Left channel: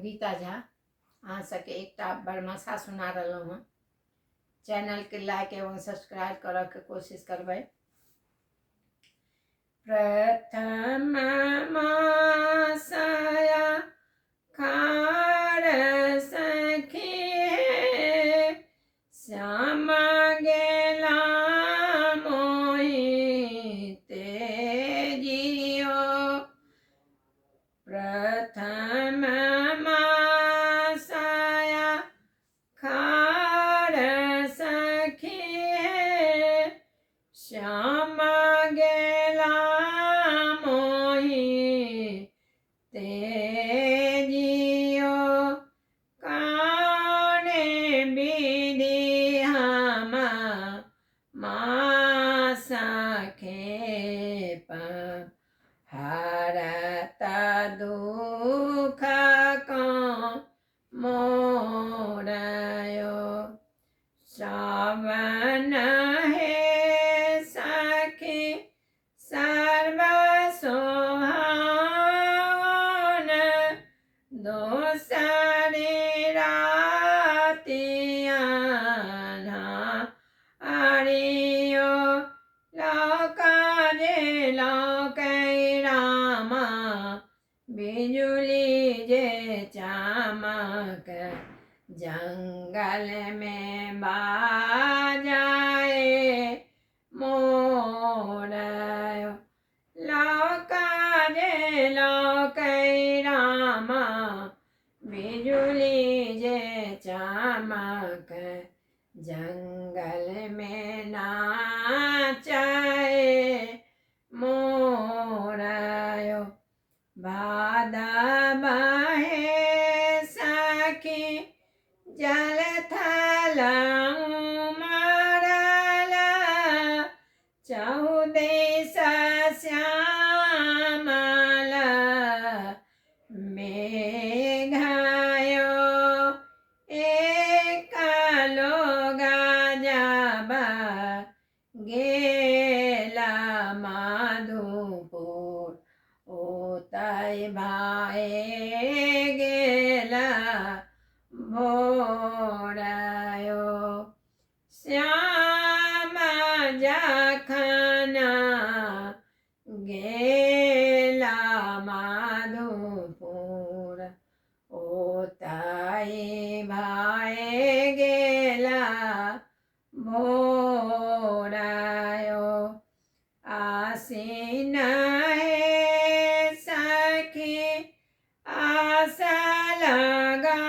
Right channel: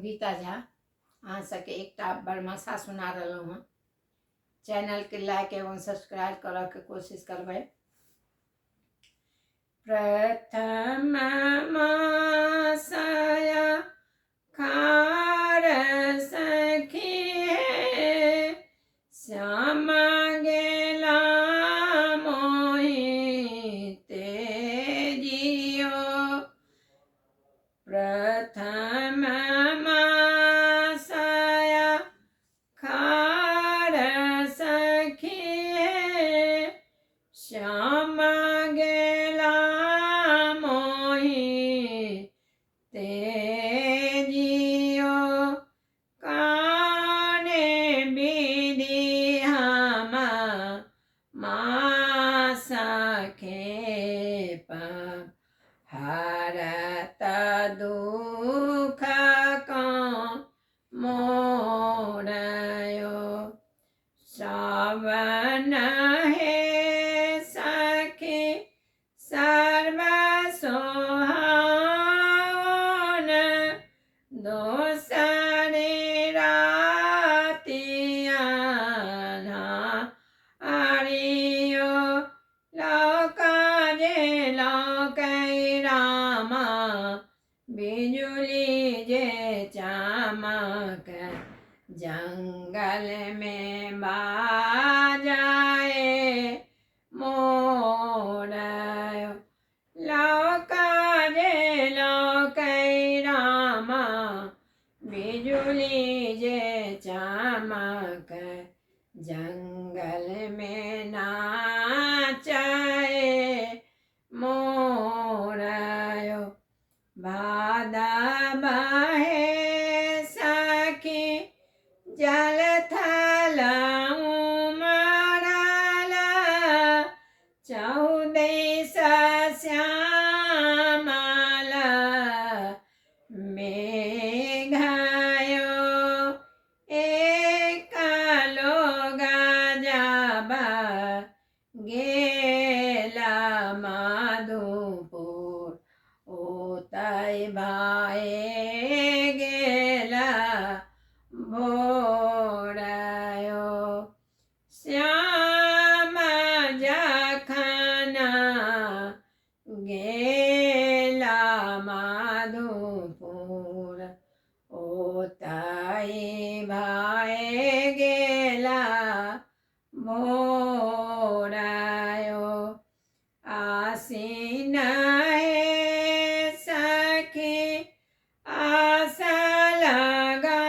गीता झा अहाँ सबके एकटा बड़मा सा सुना रहलहुँ हँ। चैनल के लाइक एवं सब्सक्राइब करऽ के कोशिश करबै। प्रथम मासया खार सखी श्यामा गेला मोहिते जियो। प्रथम मासया खार सखी श्यामा गेला मोहिते जियो। काने विधि हम मासा खेप हरत दुख मोरयो। श्रवण हे सखी सर्व सोहावन दोसरे रातियाना आरियो। लोकाजे लोकै रामा बिजुली जे चमक जंगल में बाजाए मोरयो। लोकाजे लोकै रामा बिजुली जे चमक जंगल में नाचाए मोरयो। भादव हे सखी जल थल उमरल चौदेश श्यामल मेघयो। एक लोग जब गेला मधुपुर ओतय भाए गेला भोरयो। श्याम जखन गेला मधुपुर ओतय भाए गेला भोरयो। आसीन हे सखी आस लगाओल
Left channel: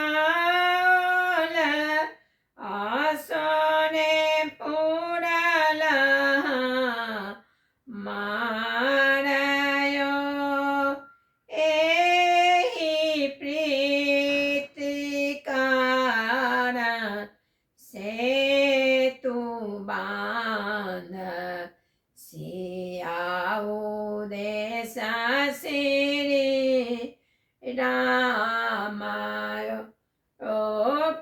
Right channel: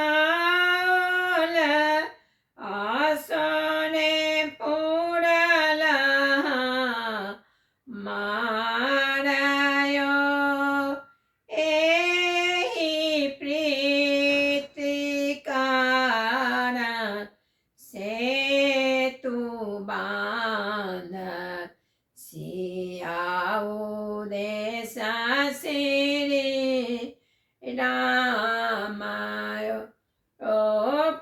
आसने पूरल मारयो। एहि प्रीति कारण सेतु बांध सियाओ देश श्री रामायो। ओ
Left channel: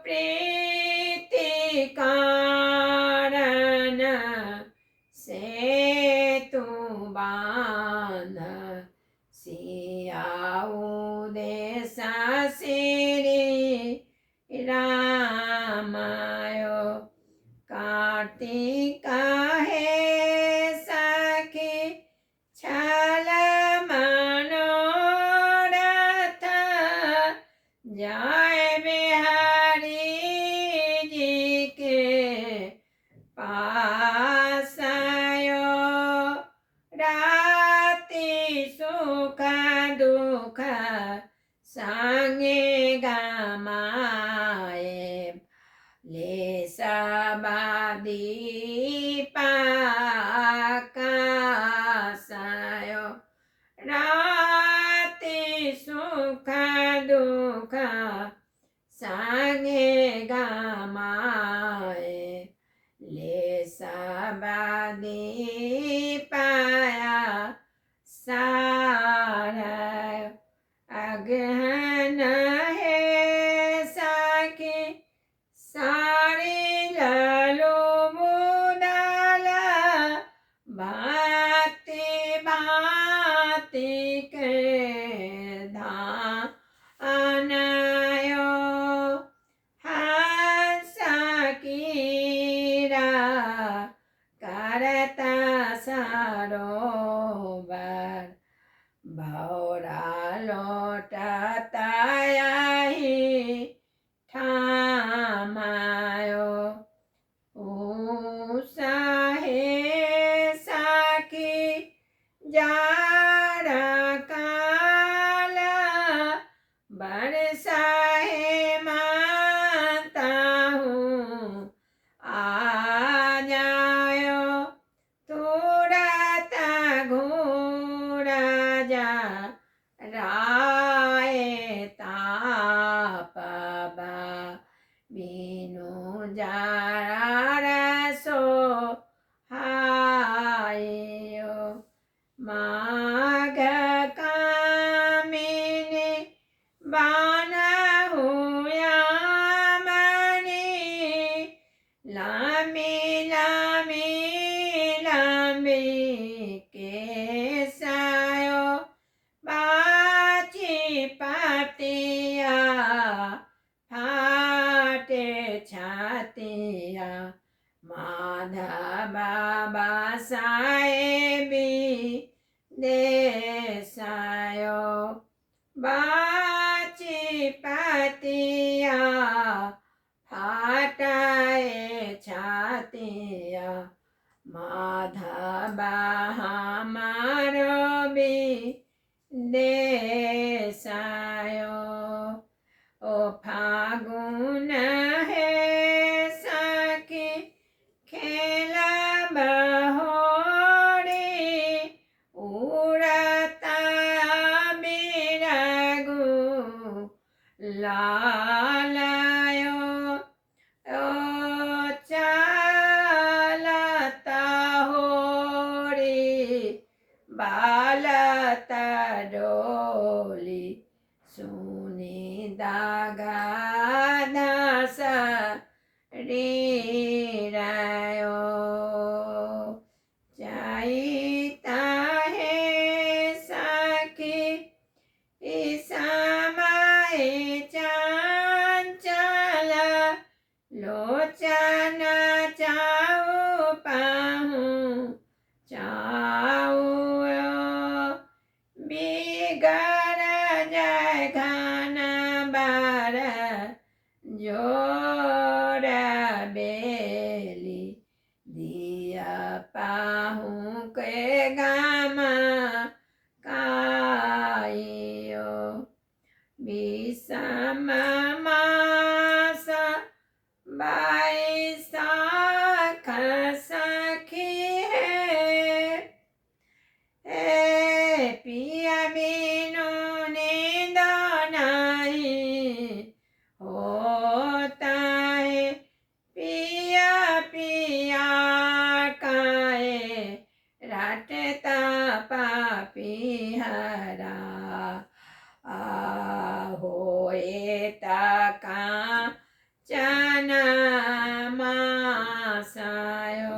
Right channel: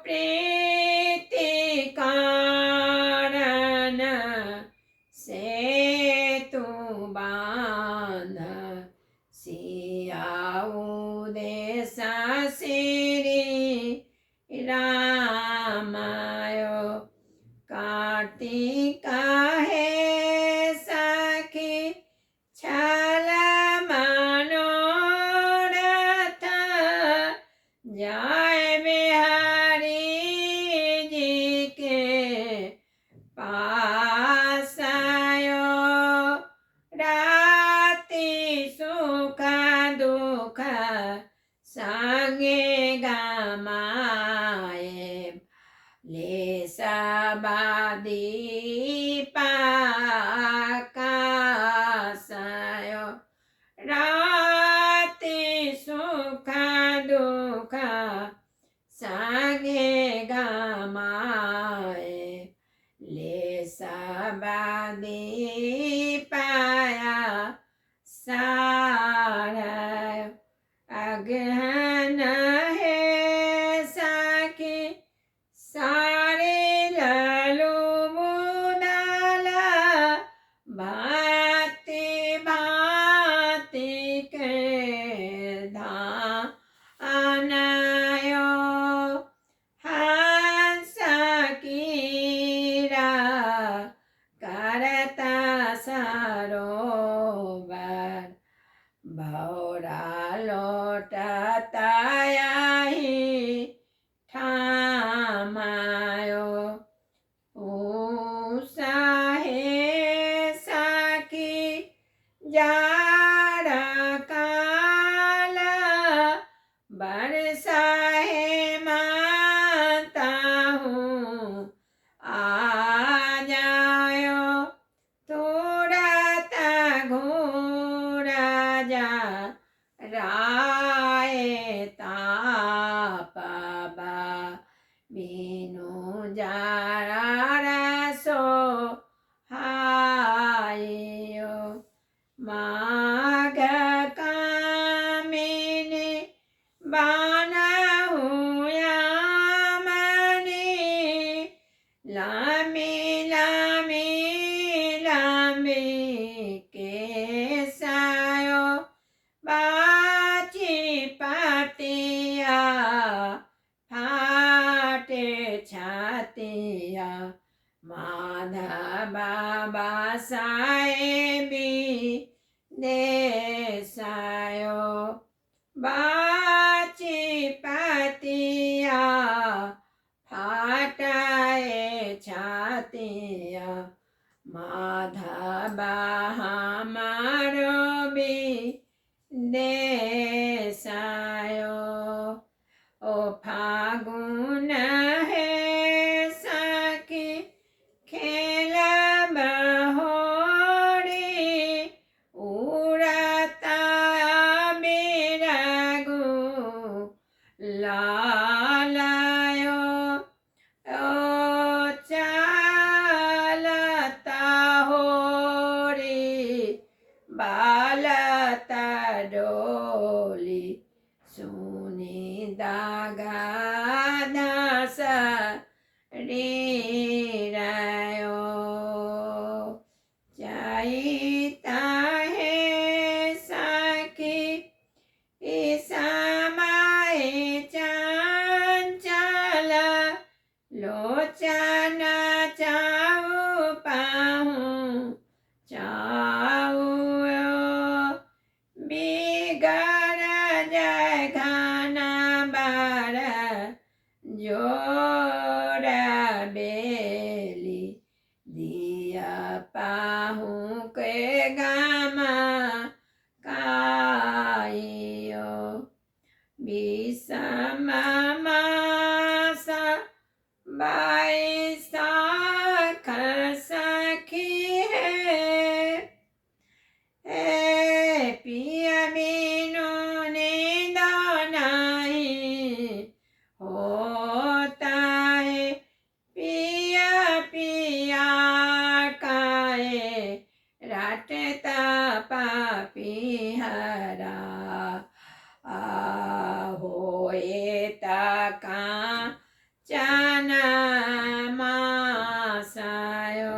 प्रीति कारण सेतु बांध सियाओ देश श्री रामायो। कार्तिक हे सखी छल मनोरथ जय बिहारी जी के पासयो। राति सुख दुख संगे गमाए ले दीपकाशयो। राति सुख दुख संगे गमाए ले दीपया सारयो। अगहन हे सखी सारे ललो मुदल भांति भांति के धान बाची पतिया फाटाए छातिया माधवा हमारो भी देसायो ओ फागुन है सखी खेला बहोरी उड़ता बिरगु लालायो ओ चालता होरी बालता डोली सुनी दागा दास रीरायो जाईता है सखी ईसमाए चंचल लोचन चाऊ पाहूं चाऊ बिगड़ जाए घना बार जोड़ा बेली दिया पाहूं के गामा काइयो विषम मास बैसाख सखी है पिया बिनु नींद नहीं होता है पिया पिया काए राटता पापी हरा होए तका चना मासायो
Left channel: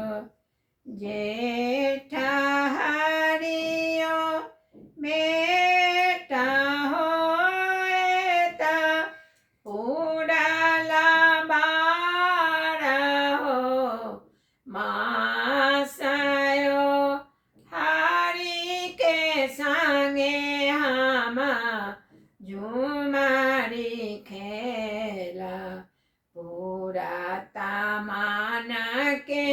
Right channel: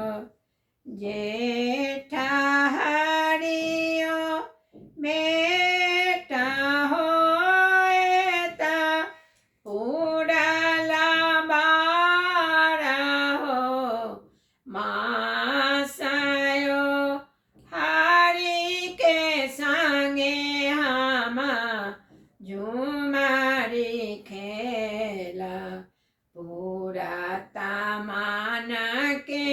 जेठा हरियो बेटा होता उड़ला बारा हो मासायो हरि के संगे हम झुमारी खेला पूरा तमान के